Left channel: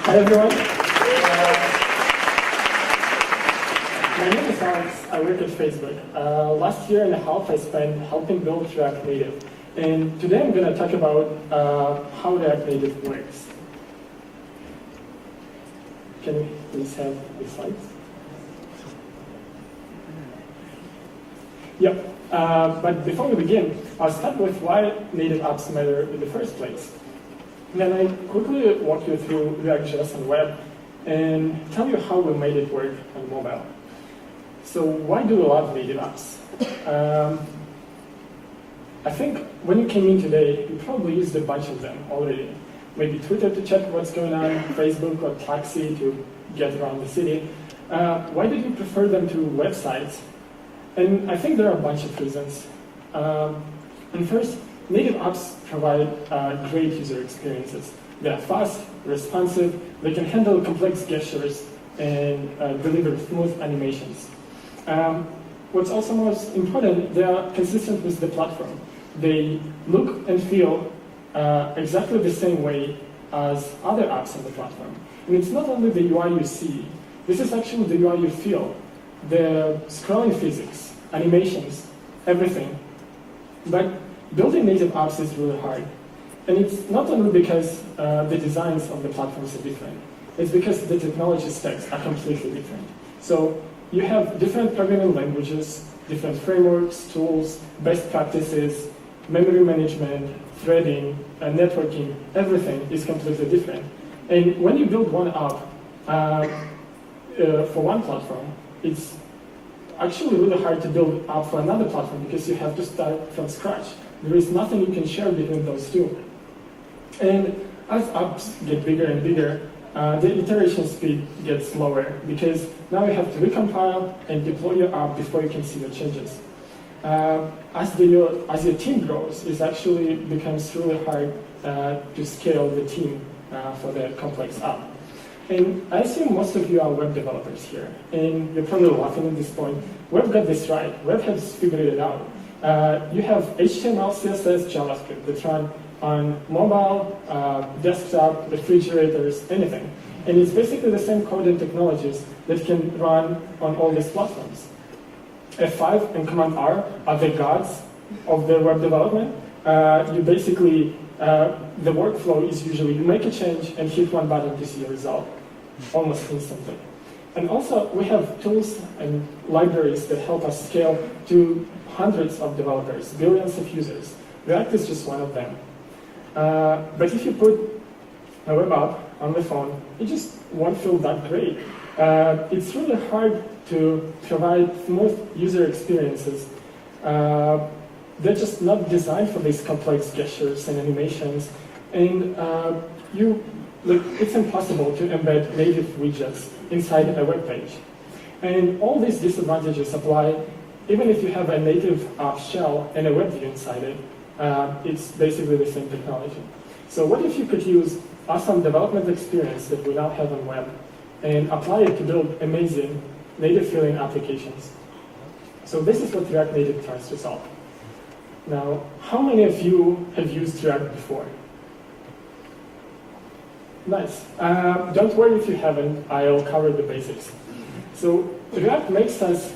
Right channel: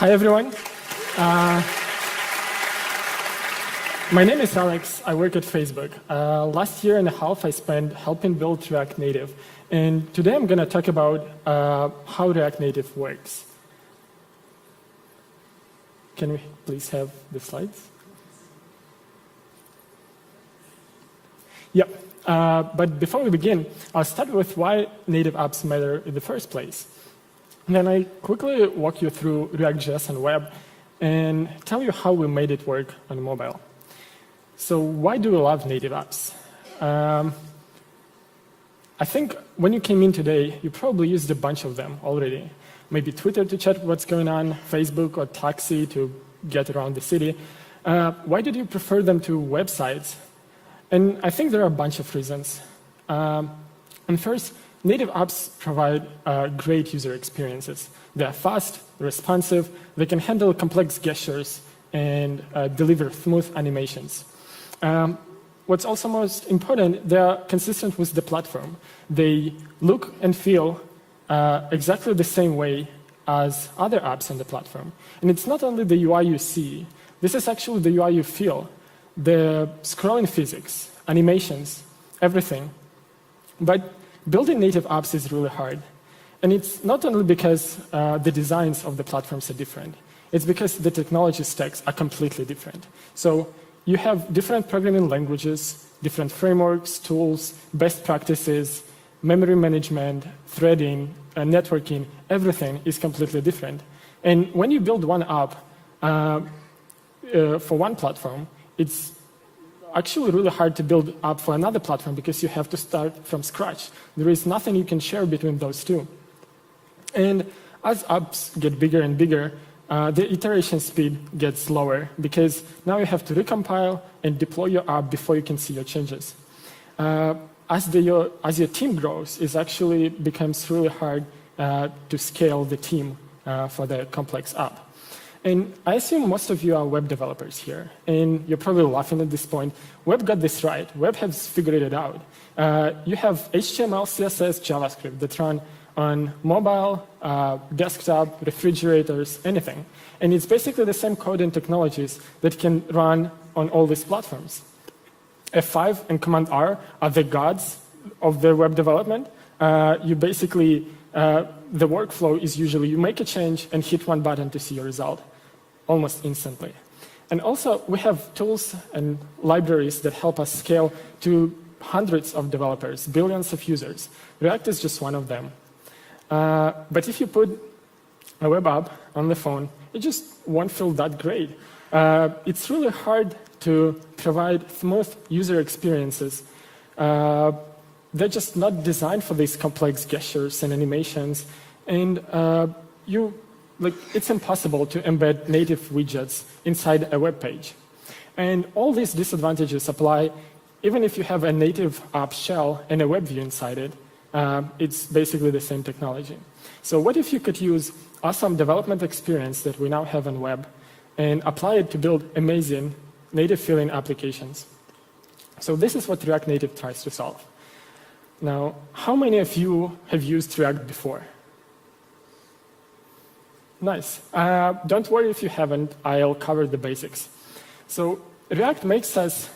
Hi everyone. My name is Alex. I work at Facebook. Last year and a half I spent helping build React Native. And today I'm going to talk about how React Native works. Can we please have the slides? Yeah, but before we begin, I'll start with why native apps matter in the first place. Then I'll quickly walk you through React.js and web and tell you how we made it work on mobile. So why do we love native apps? I think when you came in today, you probably used a bunch of them already. Maybe Twitter to check what's going on, Facebook or Taxi to get around the city. Why did you prefer them to websites? And I think there are a bunch of reasons. And first, native apps provide great user experiences. They're fast, responsive, they can handle complex gestures and deliver smooth animations. What's also most important, they're consistent with the platform. They look and feel exactly the same way as other apps on the platform. And it's not only the UI you see, this is actually the UI you feel. The scrolling physics, animations, everything. But building native apps is really hard. And it's not only because the designs of the platforms are different, it's because the technology stacks are completely different. So you have different programming languages, different frameworks, tools, best practices, memory management, threading, networking, everything is completely different. And when you build one app for one platform, it's actually really hard to build up for another platform because you have to start from scratch. There is nothing you can share between those two. And as apps get bigger and bigger, the iteration speed gets slower because now you have to recompile and deploy your app before you can see your changes. As your team grows, it actually becomes really hard to scale the team for the complex app. And I assume most of you are web developers here, and you're probably laughing at this point. Web got this right. Web has figured it out. You have HTML, CSS, JavaScript that run on mobile, desktop, refrigerators, anything. And it's basically the same code and technologies that can run on all these platforms. F5 and Command R are the gods of the web development. You basically, the workflow is usually you make a change and hit one button to see your result, almost instantly. And also, we have tools and libraries that help us scale to hundreds of developers, billions of users. React is just one of them. But if you put a web app on the phone, it just won't feel that great. It's really hard to provide smooth user experiences. They're just not designed for these complex gestures and animations. And it's impossible to embed native widgets inside a web page. And all these disadvantages apply even if you have a native app shell and a web view inside it. It's basically the same technology. So what if you could use awesome development experience that we now have on web and apply it to build amazing native-feeling applications? So this is what React Native tries to solve. Now, how many of you have used React before? Nice. Don't worry if you haven't, I'll cover the basics. So React makes us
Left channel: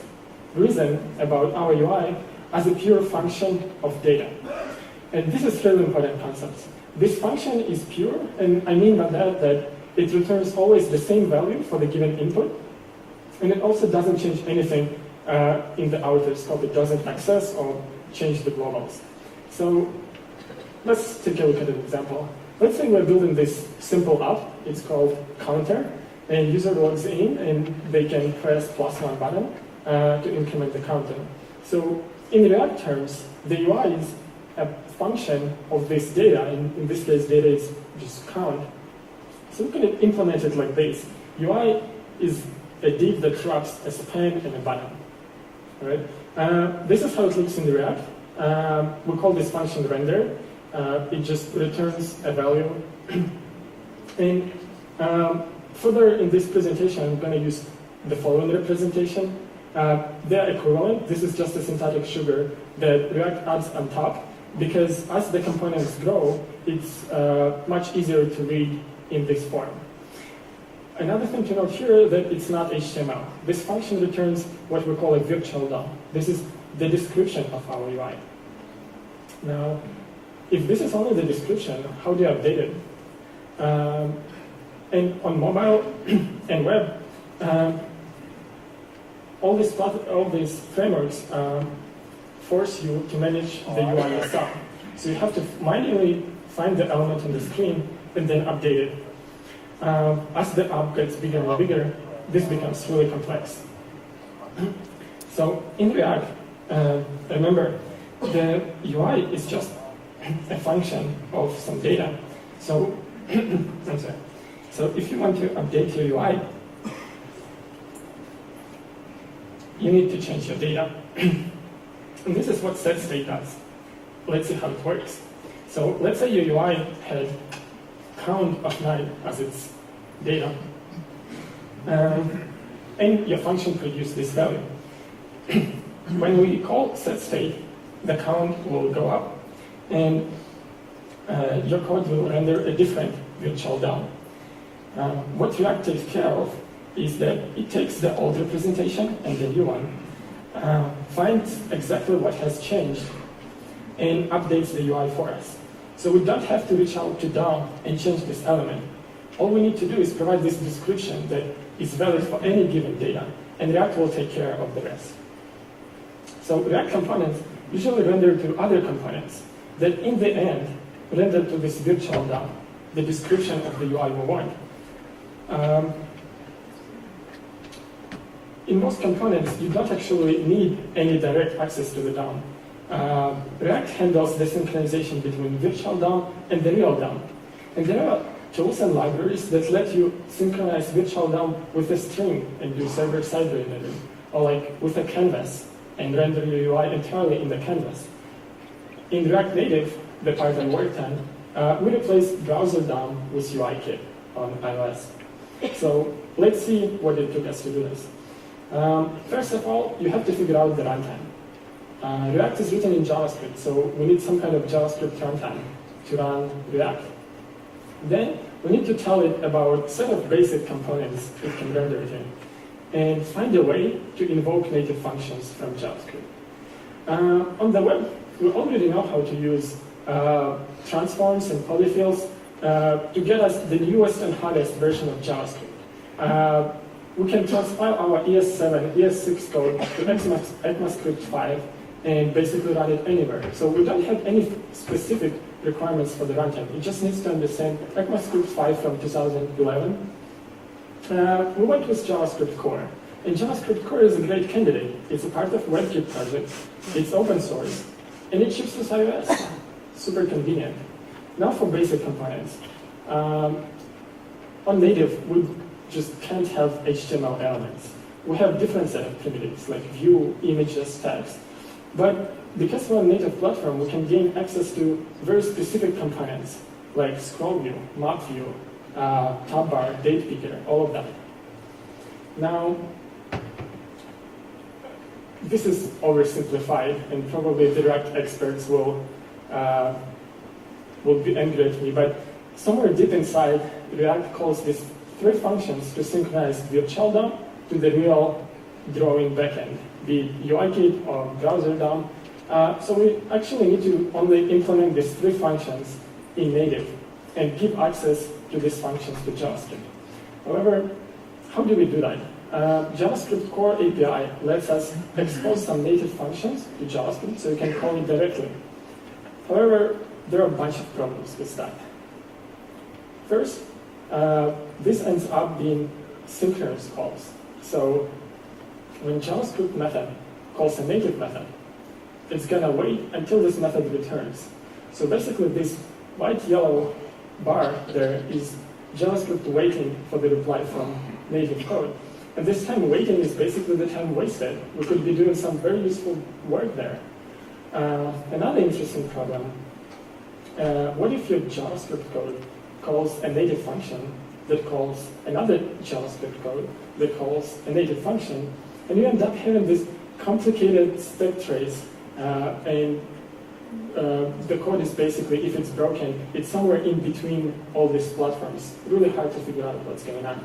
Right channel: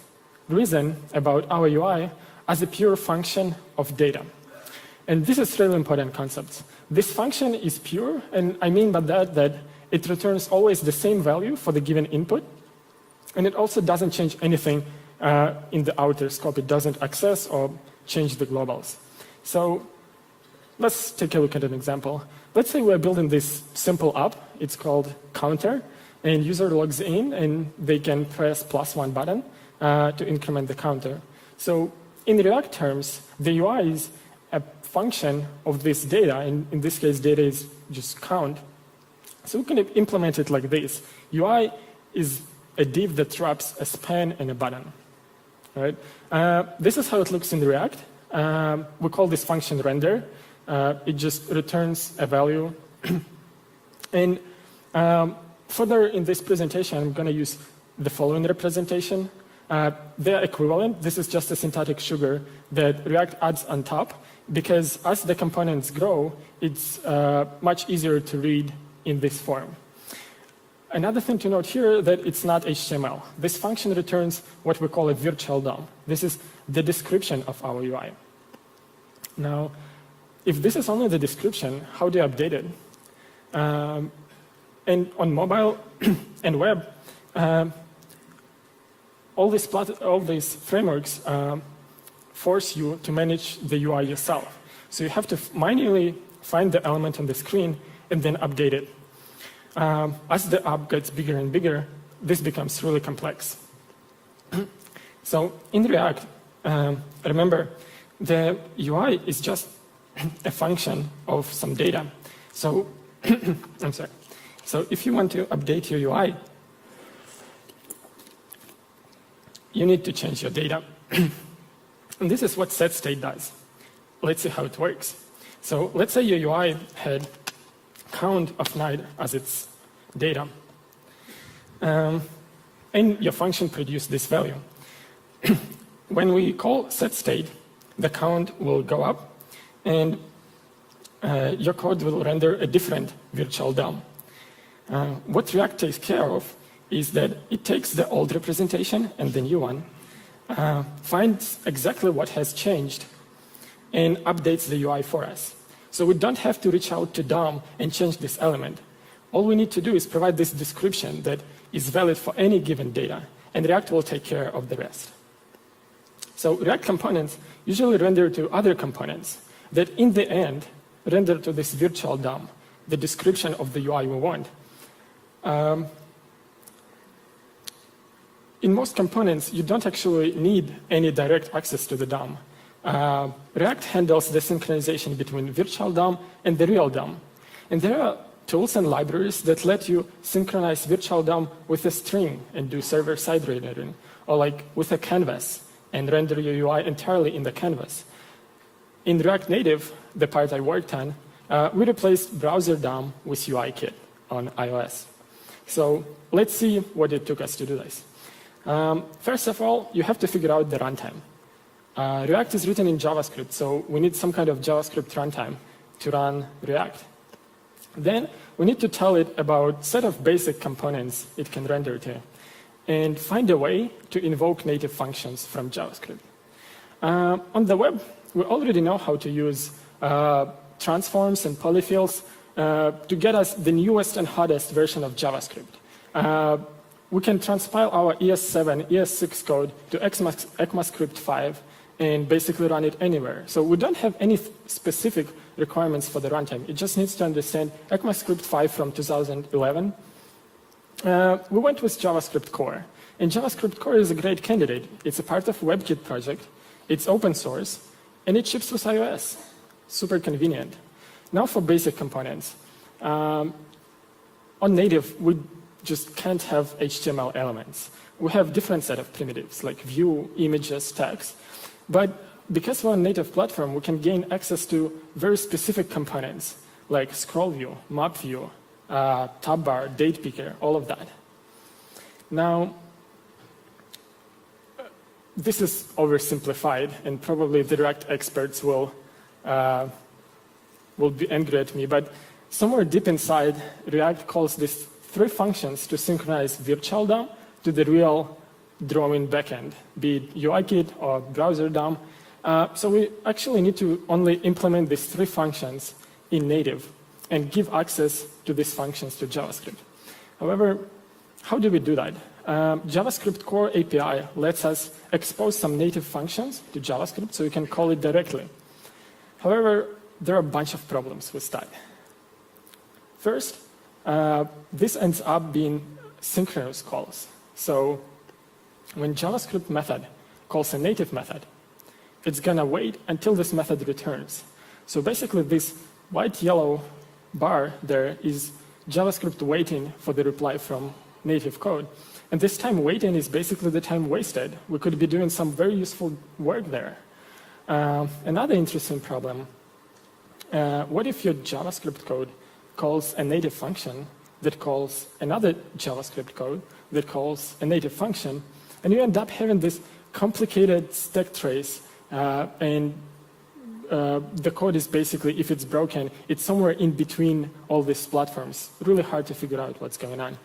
reason about our UI as a pure function of data. And this is a really important concept. This function is pure, and I mean by that it returns always the same value for the given input, and it also doesn't change anything in the outer scope. It doesn't access or change the globals. So let's take a look at an example. Let's say we're building this simple app. It's called Counter, and user logs in, and they can press +1 button to increment the counter. So in React terms, the UI is a function of this data, and in this case, data is just count. So we can implement it like this. UI is a div that wraps a span and a button. Right? This is how it looks in React. We call this function render. It just returns a value. And further in this presentation, I'm going to use the following representation. They're equivalent. This is just a syntactic sugar that React adds on top, because as the components grow, it's much easier to read in this form. Another thing to note here is that it's not HTML. This function returns what we call a virtual DOM. This is the description of our UI. Now, if this is only the description, how do you update it? And on mobile and web, all these frameworks force you to manage the UI yourself. So you have to manually find the element on the screen and then update it. As the app gets bigger and bigger, this becomes really complex. So in React, remember, the UI is just a function of some data. So, I'm sorry. So if you want to update your UI, you need to change your data. And this is what setState does. Let's see how it works. So let's say your UI had count of night as its data. And your function produced this value. When we call setState, the count will go up, and your code will render a different virtual DOM. What React takes care of is that it takes the old representation and the new one, finds exactly what has changed, and updates the UI for us. So we don't have to reach out to DOM and change this element. All we need to do is provide this description that is valid for any given data, and React will take care of the rest. So React components usually render to other components that in the end render to this virtual DOM, the description of the UI we want. In most components, you don't actually need any direct access to the DOM. React handles the synchronization between virtual DOM and the real DOM. And there are tools and libraries that let you synchronize virtual DOM with a string and do server-side rendering, or like with a canvas and render your UI entirely in the canvas. In React Native, the part I worked on, we replaced browser DOM with UIKit on iOS. So let's see what it took us to do this. First of all, you have to figure out the runtime. React is written in JavaScript, so we need some kind of JavaScript runtime to run React. Then we need to tell it about a set of basic components it can render to, and find a way to invoke native functions from JavaScript. On the web, we already know how to use transforms and polyfills to get us the newest and hottest version of JavaScript. We can transpile our ES7, ES6 code to ECMAScript 5 and basically run it anywhere. So we don't have any specific requirements for the runtime. It just needs to understand ECMAScript 5 from 2011. We went with JavaScript Core. And JavaScript Core is a great candidate. It's a part of WebKit project. It's open source. And it ships with iOS. Super convenient. Now for basic components. On native, we just can't have HTML elements. We have different set of primitives like view, images, tags. But because we're a native platform, we can gain access to very specific components like scroll view, map view, top bar, date picker, all of that. Now, this is oversimplified, and probably the React experts will be angry at me, but somewhere deep inside, React calls these three functions to synchronize virtual DOM to the real drawing backend, be it UIKit or browser DOM. So we actually need to only implement these three functions in native and give access to these functions to JavaScript. However, how do we do that? JavaScript Core API lets us expose some native functions to JavaScript so we can call it directly. However, there are a bunch of problems with that. First, this ends up being synchronous calls. So when JavaScript method calls a native method, it's gonna wait until this method returns. So basically this white-yellow bar there is JavaScript waiting for the reply from native code. And this time waiting is basically the time wasted. We could be doing some very useful work there. Another interesting problem, what if your JavaScript code calls a native function that calls another JavaScript code that calls a native function, and you end up having this complicated step trace, and the code is basically, if it's broken, it's somewhere in between all these platforms. Really hard to figure out what's going on.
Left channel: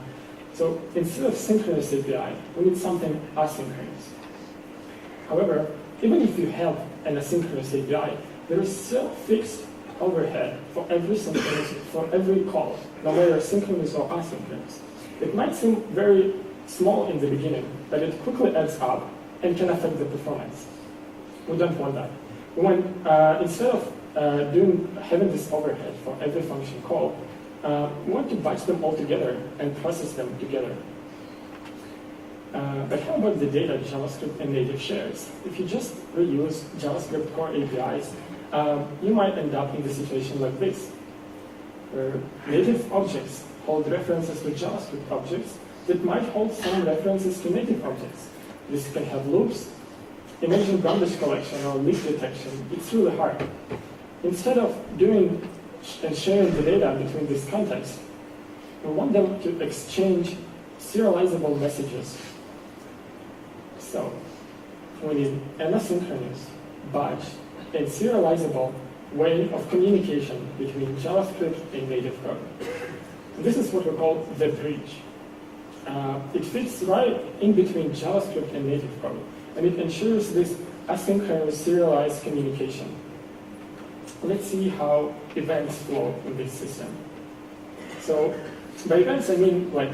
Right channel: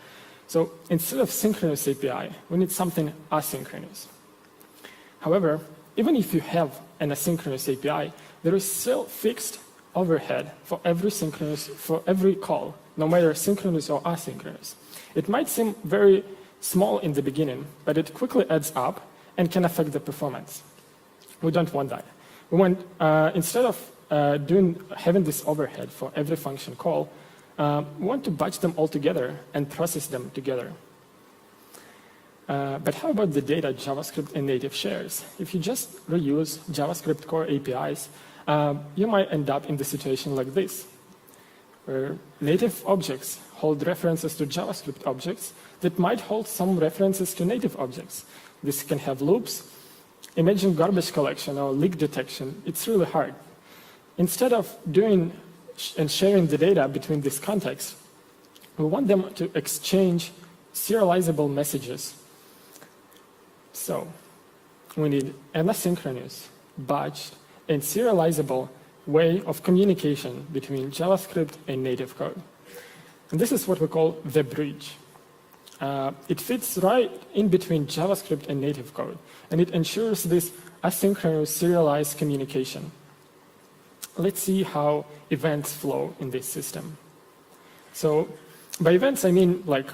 So instead of synchronous API, we need something asynchronous. However, even if you have an asynchronous API, there is still fixed overhead for every call, no matter synchronous or asynchronous. It might seem very small in the beginning, but it quickly adds up and can affect the performance. We don't want that. We want, instead of having this overhead for every function call, we want to batch them all together and process them together. But how about the data JavaScript and native shares? If you just reuse JavaScript core APIs, you might end up in the situation like this, where native objects hold references to JavaScript objects that might hold some references to native objects. This can have loops. Imagine garbage collection or leak detection. It's really hard. Instead of doing and sharing the data between these contexts, we want them to exchange serializable messages. So we need an asynchronous, batch, and serializable way of communication between JavaScript and native code. And this is what we call the bridge. It fits right in between JavaScript and native code, and it ensures this asynchronous serialized communication. Let's see how events flow in this system. So by events, I mean like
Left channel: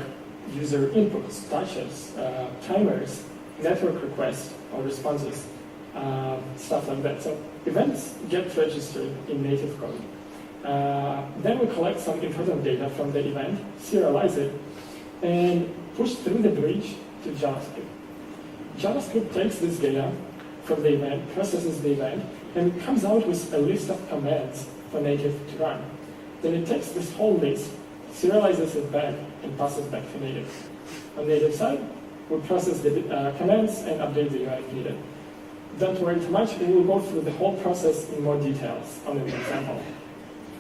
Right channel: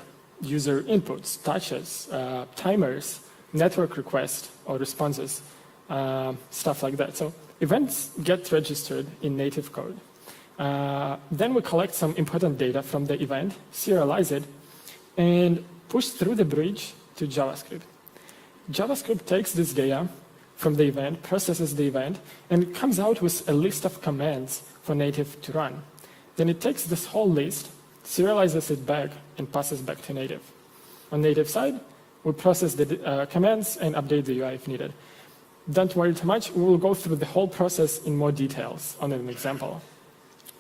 user inputs, touches, timers, network requests or responses, stuff like that. So events get registered in native code. Then we collect some important data from the event, serialize it, and push through the bridge to JavaScript. JavaScript takes this data from the event, processes the event, and comes out with a list of commands for native to run. Then it takes this whole list, serializes it back, and passes back to native. On native side, we process the commands and update the UI if needed. Don't worry too much, we will go through the whole process in more details on an example.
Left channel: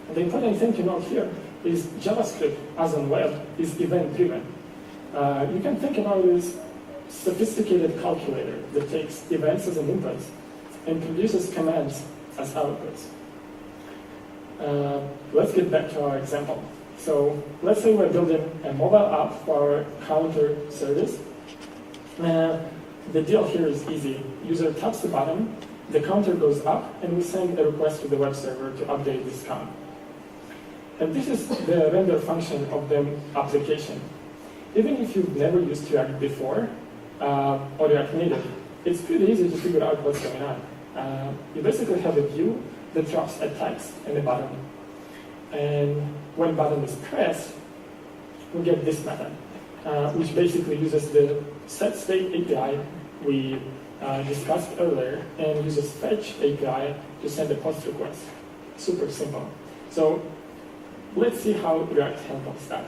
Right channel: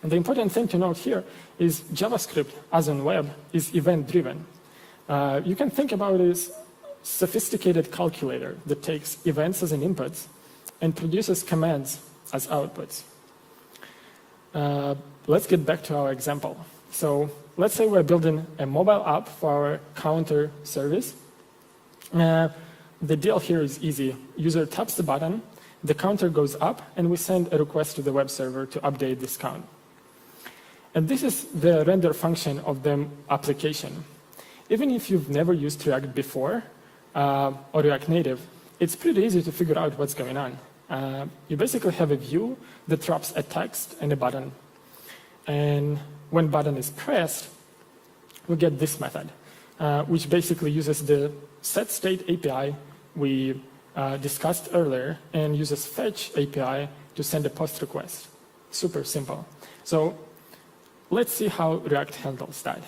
And the important thing to note here is JavaScript, as on web, is event-driven. You can think about it as a sophisticated calculator that takes events as an input and produces commands as outputs. Let's get back to our example. So let's say we're building a mobile app for our counter service. The deal here is easy. User taps the button, the counter goes up, and we send a request to the web server to update this count. And this is the render function of the application. Even if you've never used React before, or React Native, it's pretty easy to figure out what's going on. You basically have a view that drops a text and a button. And when a button is pressed, we get this method, which basically uses the setState API we discussed earlier and uses fetch API to send a post request. Super simple. So let's see how React handles that.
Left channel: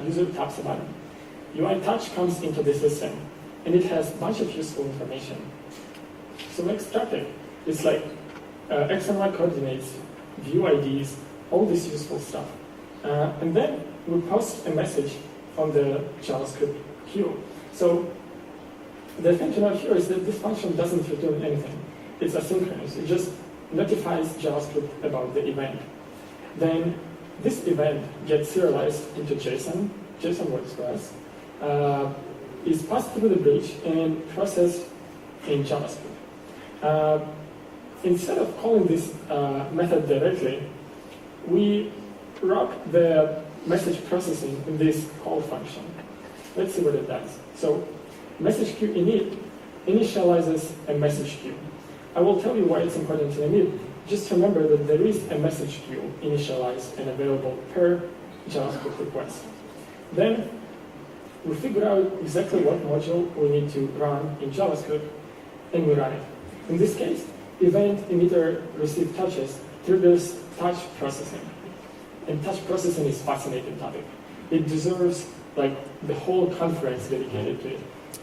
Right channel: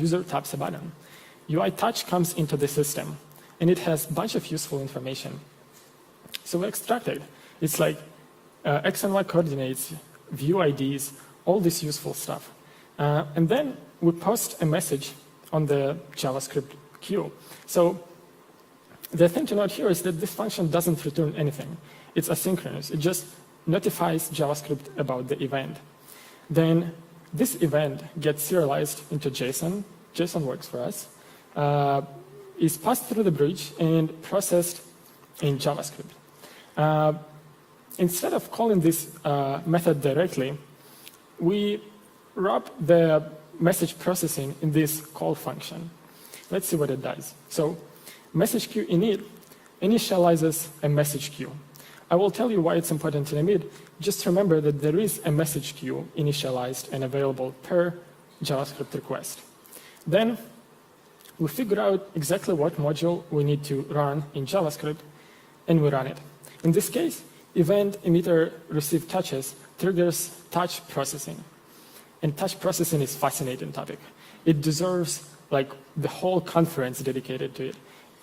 User taps a button. UI touch comes into the system, and it has a bunch of useful information. So we extract it. It's like X and Y coordinates, view IDs, all this useful stuff. And then we post a message on the JavaScript queue. So the thing to note here is that this function doesn't return anything. It's asynchronous. It just notifies JavaScript about the event. Then this event gets serialized into JSON. JSON works for us. Is passed through the bridge and processed in JavaScript. Instead of calling this method directly, we wrap the message processing in this call function. Let's see what it does. So message queue init initializes a message queue. I will tell you why it's important to init. Just remember that there is a message queue initialized and available per JavaScript request. Then we figure out exactly what module we need to run in JavaScript, and we run it. In this case, event emitter receive touches triggers touch processing. And touch processing is a fascinating topic. It deserves like the whole conference dedicated to it.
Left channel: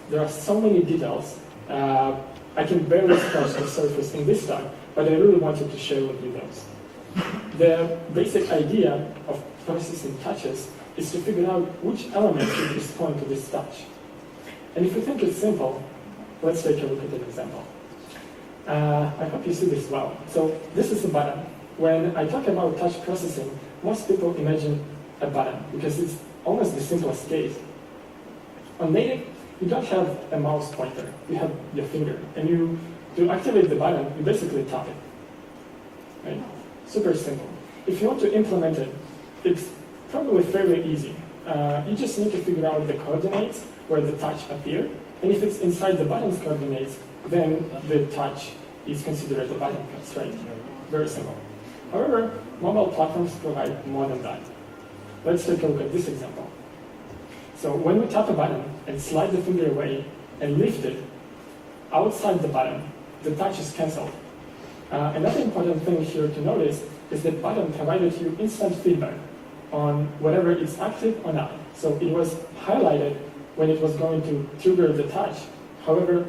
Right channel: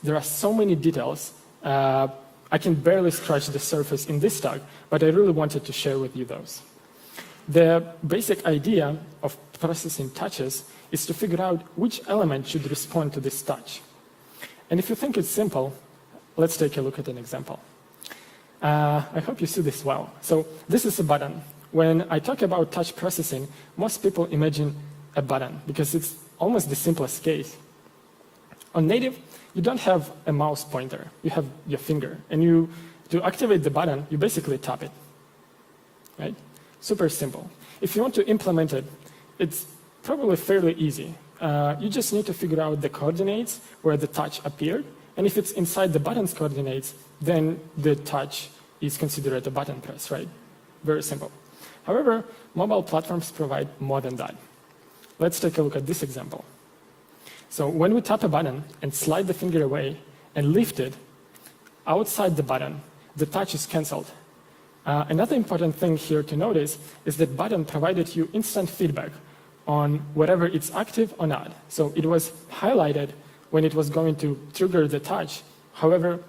There are so many details. I can barely scratch the surface in this talk, but I really wanted to share with you those. The basic idea of processing touches is to figure out which element should respond to this touch. And if you think it's simple, let's take a look at an example. I hope you see this well. So this is a button. When I talk about touch processing, most people imagine a button because it's almost the simplest case. On native, you don't have a mouse pointer. You have your finger. And to activate the button, you basically tap it. Right? Super simple. If you want to implement it, it's probably fairly easy. You just need to figure out the coordinates where the touch appear. And if it's inside the button's coordinates, then the touch is considered a button press, right? Very simple. However, mobile platforms provide more than that. Let's take a look at this example. So when we tap a button and slide the finger away and lift it, outside the button, the touch is cancelled. Another important thing here to notice is that button provided you instant feedback on whether it's active or not. So it was highlighted when it was going to trigger the touch. However,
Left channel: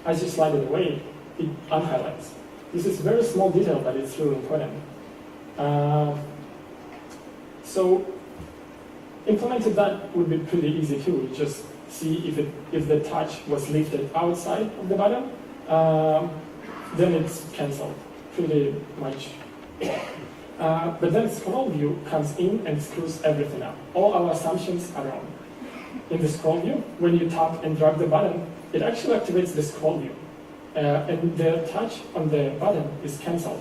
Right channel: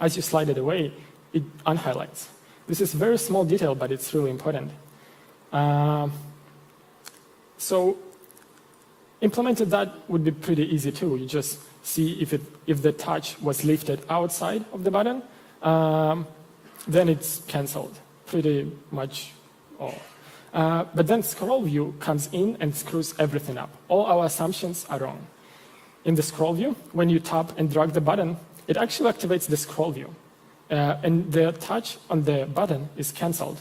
as you slide it away, it unhighlights. This is a very small detail, but it's really important. So implementing that would be pretty easy too. You just see if the touch was lifted outside of the button, then it's cancelled pretty much. But then scroll view comes in and screws everything up. All our assumptions are wrong. In the scroll view, when you tap and drag the button, it actually activates the scroll view. And the touch on the button is cancelled.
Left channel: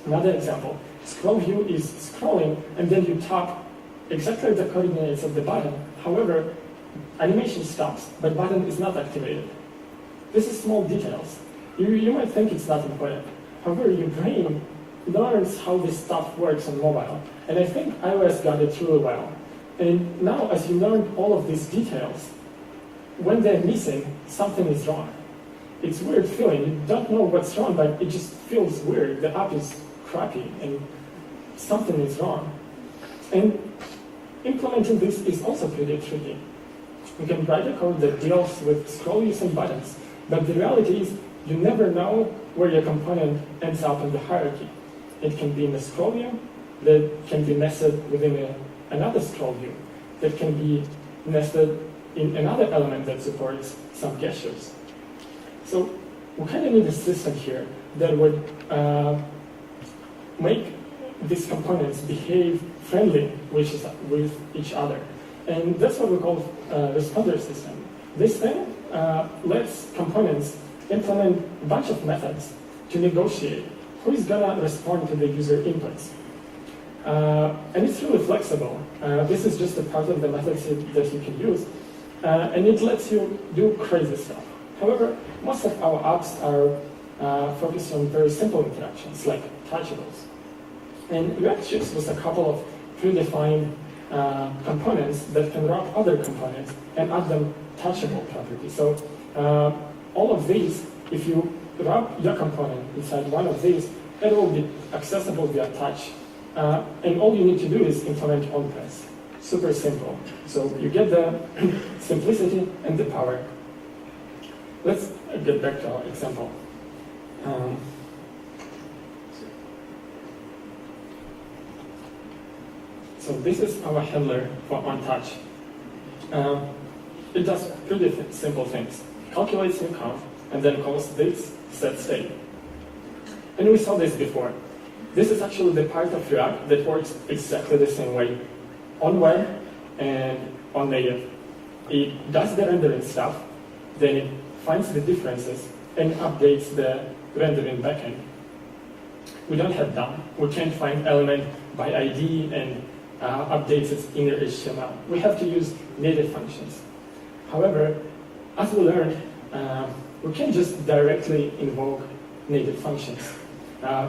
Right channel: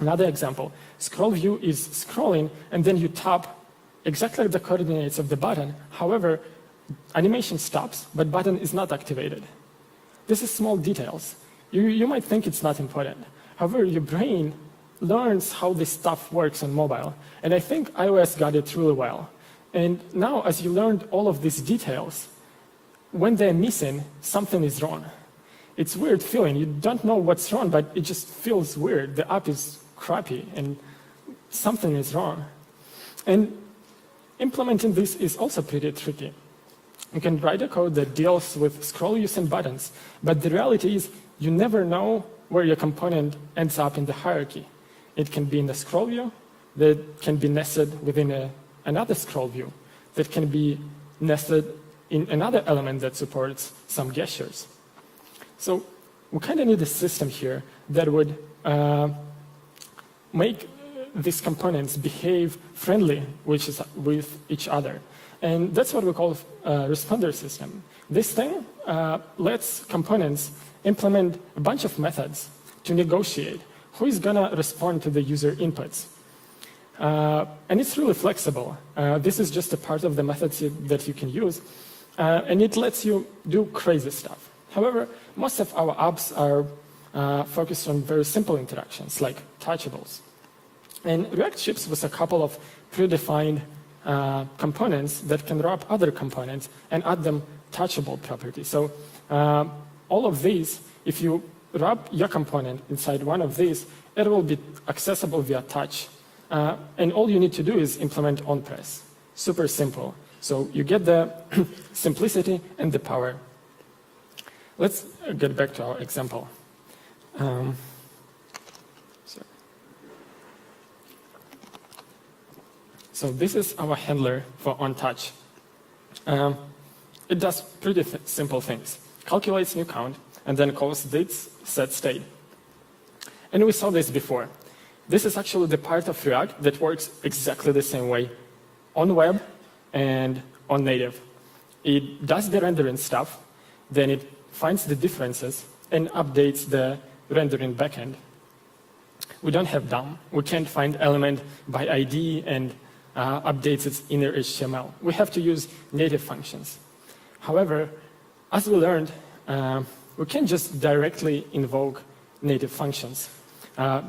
Another example, scroll view is scrolling and then you tap exactly the coordinates of the button. However, animation stops, but button is not activated. This is small details. You might think it's not important. However, your brain learns how this stuff works on mobile. And I think iOS got it really well. And now, as you learned all of these details, when they're missing, something is wrong. It's a weird feeling. You don't know what's wrong, but it just feels weird. The app is crappy, and something is wrong. And implementing this is also pretty tricky. You can write a code that deals with scroll use and buttons, but the reality is you never know where your component ends up in the hierarchy. It can be in a scroll view, that can be nested within another scroll view, that can be nested in another element that supports some gestures. So we kind of need a system here that would make these components behave friendly with each other. And that's what we call a responder system. This thing lets components implement a bunch of methods to negotiate who is going to respond to the user inputs. And it's really flexible. This is just a part of the methods that you can use. And it lets you do crazy stuff. However, most of our apps are focused on very simple interactions, like touchables. And React ships with a couple of predefined components that can wrap other components and add them touchable properties. So all of these, if you wrap your component inside one of these, it will be accessible via touch. And all you need to do is implement onPress. Super simple. So you get the simplicity and the power. Let's get back to our example. So this is our handler for onTouch. It does pretty simple things. Calculates new count, and then calls this setState. And we saw this before. This is actually the part of React that works exactly the same way on web and on native. It does the rendering stuff, then it finds the differences and updates the rendering backend. We don't have that. We can't find element by ID and updates its inner HTML. We have to use native functions. However, as we learned, we can't just directly invoke native functions.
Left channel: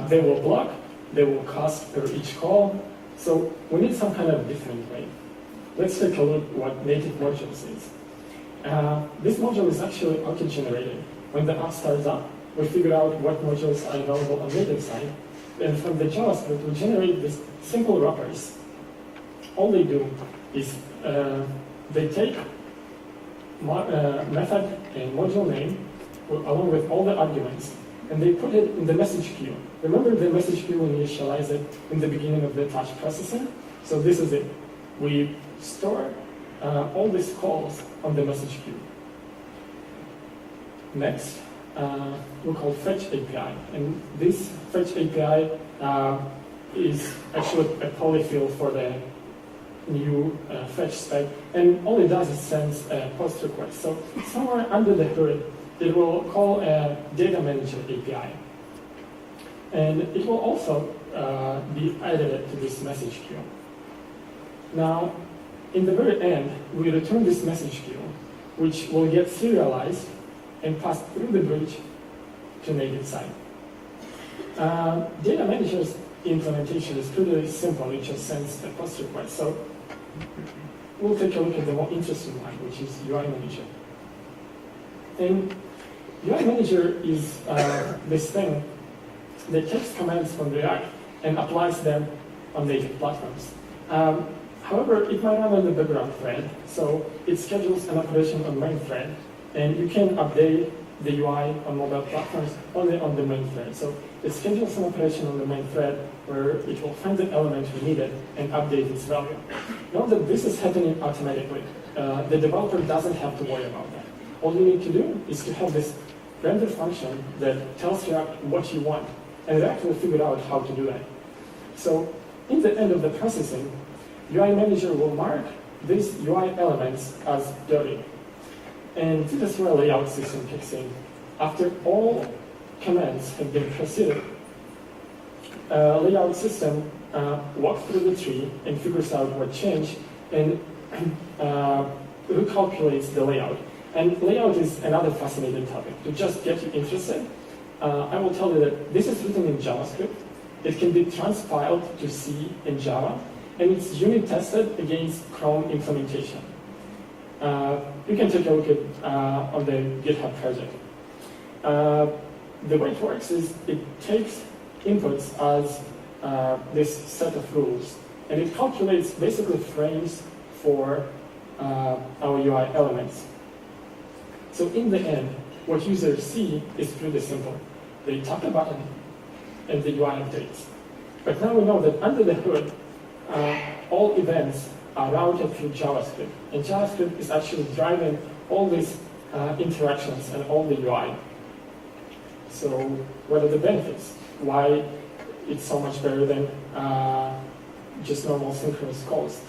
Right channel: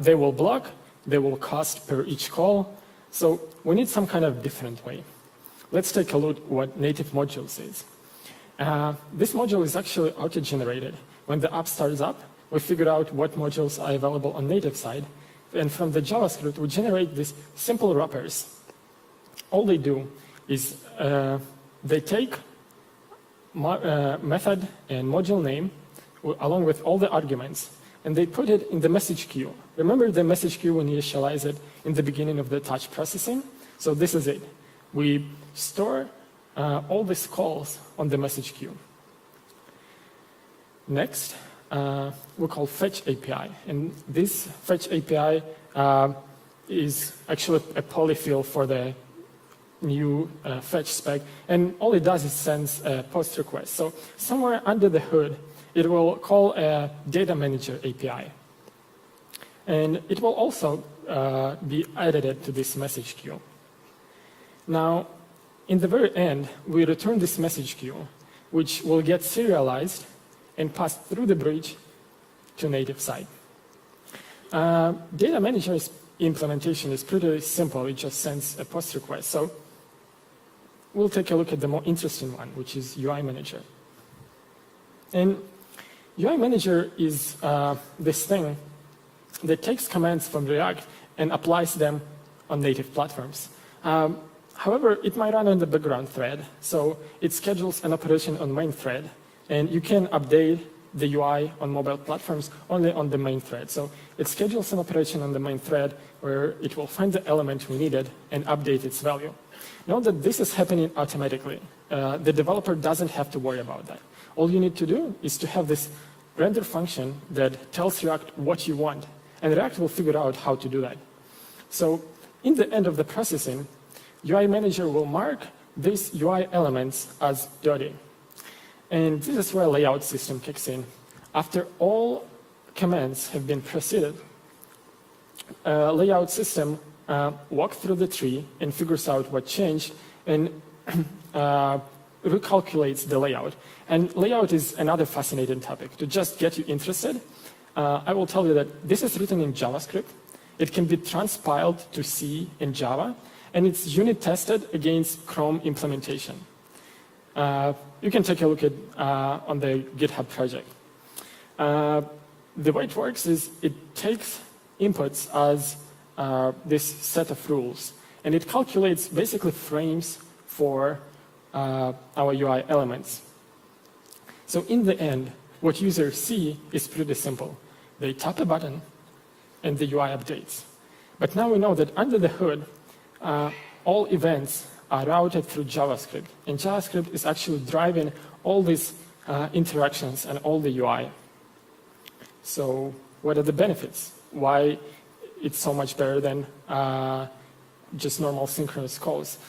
They will block, they will cost per each call, so we need some kind of different way. Let's take a look at what native modules is. This module is actually auto-generated. When the app starts up, we figure out what modules are available on native side, and from the JavaScript, we generate these simple wrappers. All they do is they take method and module name along with all the arguments, and they put it in the message queue. Remember the message queue when you initialize it in the beginning of the touch processing? So this is it. We store all these calls on the message queue. Next, we call fetch API, and this fetch API is actually a polyfill for the new fetch spec, and all it does is sends a post request. So somewhere under the hood, it will call a data manager API. And it will also be added to this message queue. Now, in the very end, we return this message queue, which will get serialized and passed through the bridge to native side. Data manager's implementation is pretty simple. It just sends a post request. So we'll take a look at the more interesting one, which is UI manager. And UI manager is this thing that takes commands from React and applies them on native platforms. However, it might run on the background thread, so it schedules an operation on main thread, and you can update the UI on mobile platforms only on the main thread. So it schedules an operation on the main thread where it will find the element we needed and update its value. Note that this is happening automatically. The developer doesn't have to worry about that. All you need to do is to have this render function that tells React what you want, and React will figure out how to do that. So in the end of the processing, UI manager will mark these UI elements as dirty. And this is where layout system kicks in. After all commands have been proceeded, layout system walks through the tree and figures out what changed and recalculates the layout. And layout is another fascinating topic. To just get you interested, I will tell you that this is written in JavaScript. It can be transpiled to C in Java, and it's unit tested against Chrome implementation. You can take a look at on the GitHub project. The way it works is it takes inputs as this set of rules, and it calculates basically frames for our UI elements. So in the end, what users see is pretty simple. They tap a button, and the UI updates. But now we know that under the hood, all events are routed through JavaScript, and JavaScript is actually driving all these interactions and all the UI. So what are the benefits? Why it's so much better than just normal synchronous calls?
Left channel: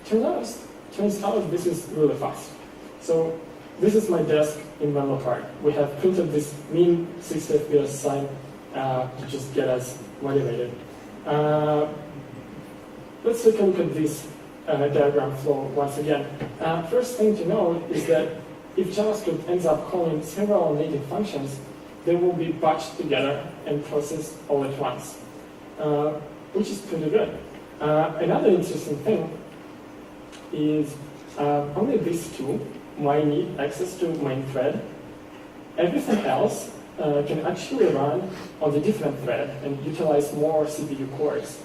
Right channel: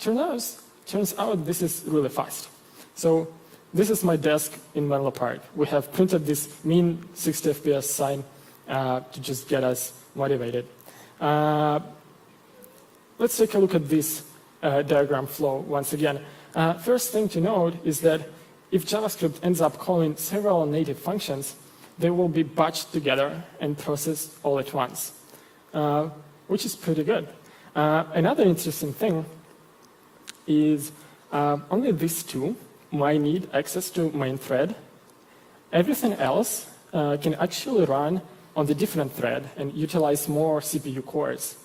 Turns out this is really fast. So this is my desk in Menlo Park. We have printed this mean 60 FPS sign to just get us motivated. Let's take a look at this diagram flow once again. First thing to note is that if JavaScript ends up calling several native functions, they will be batched together and processed all at once, which is pretty good. Another interesting thing is only these two might need access to main thread. Everything else can actually run on the different thread and utilize more CPU cores.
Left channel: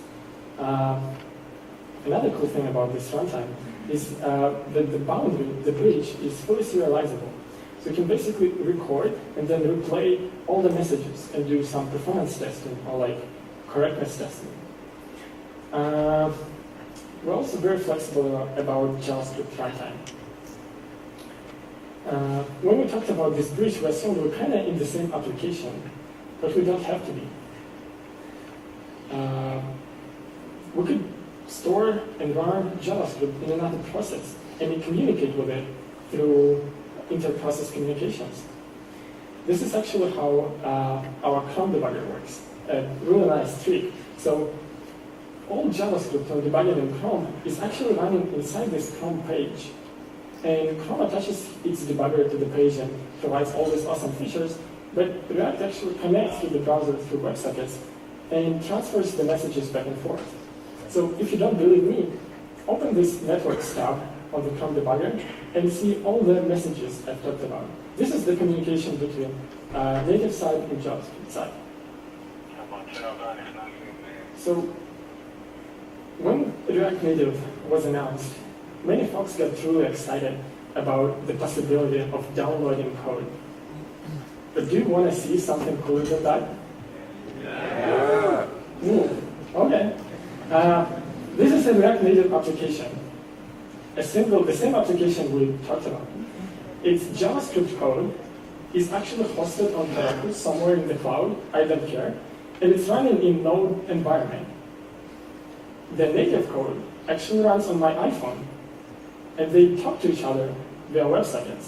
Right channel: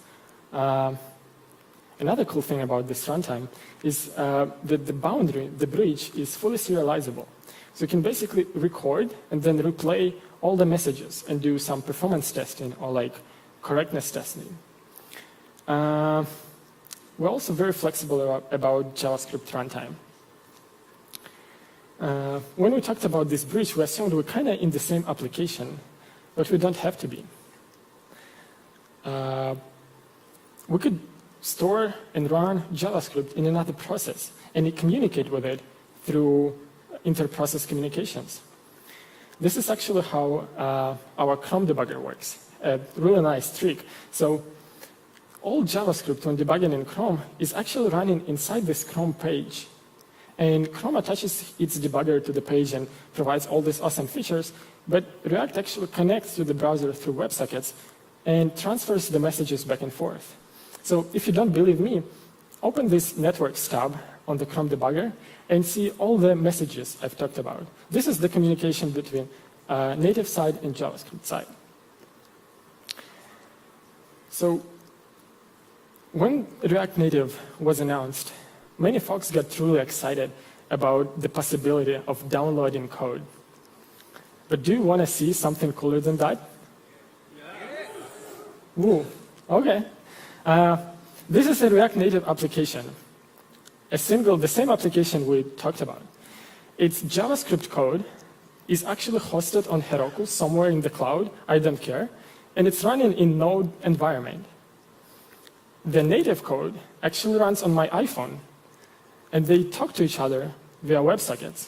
Another cool thing about this runtime is that the boundary, the bridge, is fully serializable. So you can basically record and then replay all the messages and do some performance testing or like correctness testing. We're also very flexible about JavaScript runtime. When we talked about this bridge, we assumed we're kind of in the same application, but we don't have to be. We could store and run JavaScript in another process and communicate with it through inter-process communications. This is actually how our Chrome debugger works. A really nice trick. So all JavaScript when debugging in Chrome is actually running inside this Chrome page. And Chrome attaches its debugger to the page and provides all these awesome features, but React actually connects with the browser through WebSockets and transfers the messages back and forth. So if you don't believe me, open this Networks tab on the Chrome debugger and see all the messages I've talked about. This is the communication between native side and JavaScript side. So when React Native was announced, many folks got truly excited about the possibility of downloading code. But do you want to see something cooler than that? Yeah. Ooh, okay. This is a React Native application. The same application we talked about. Its JavaScript code is actually hosted on Heroku somewhere in the cloud, I don't care, and it's running in Node environment. the native code actually runs on my iPhone, and they talk to each other via WebSockets.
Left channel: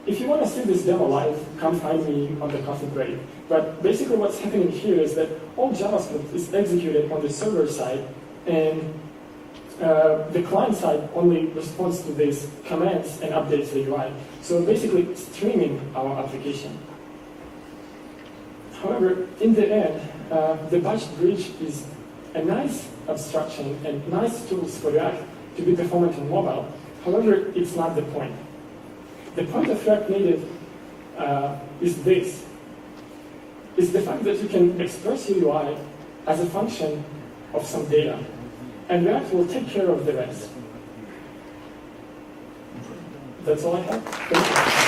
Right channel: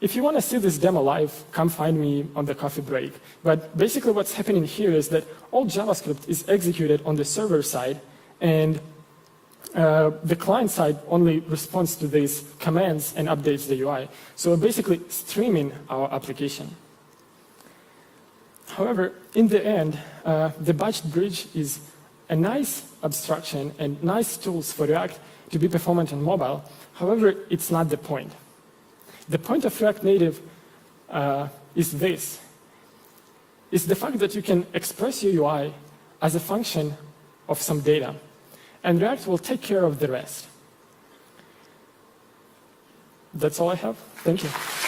If you want to see this demo live, come find me on the coffee break. But basically what's happening here is that all JavaScript is executed on the server side, and the client side only responds to these commands and updates the UI. So basically streaming our application. However, in the end, the batch bridge is a nice abstraction and nice tools for React to be performant on mobile. However, it's not the point. The point of React Native is this. Is the fact that you can express your UI as a function of some data, and React will take care of the rest. That's all I have. Thank you.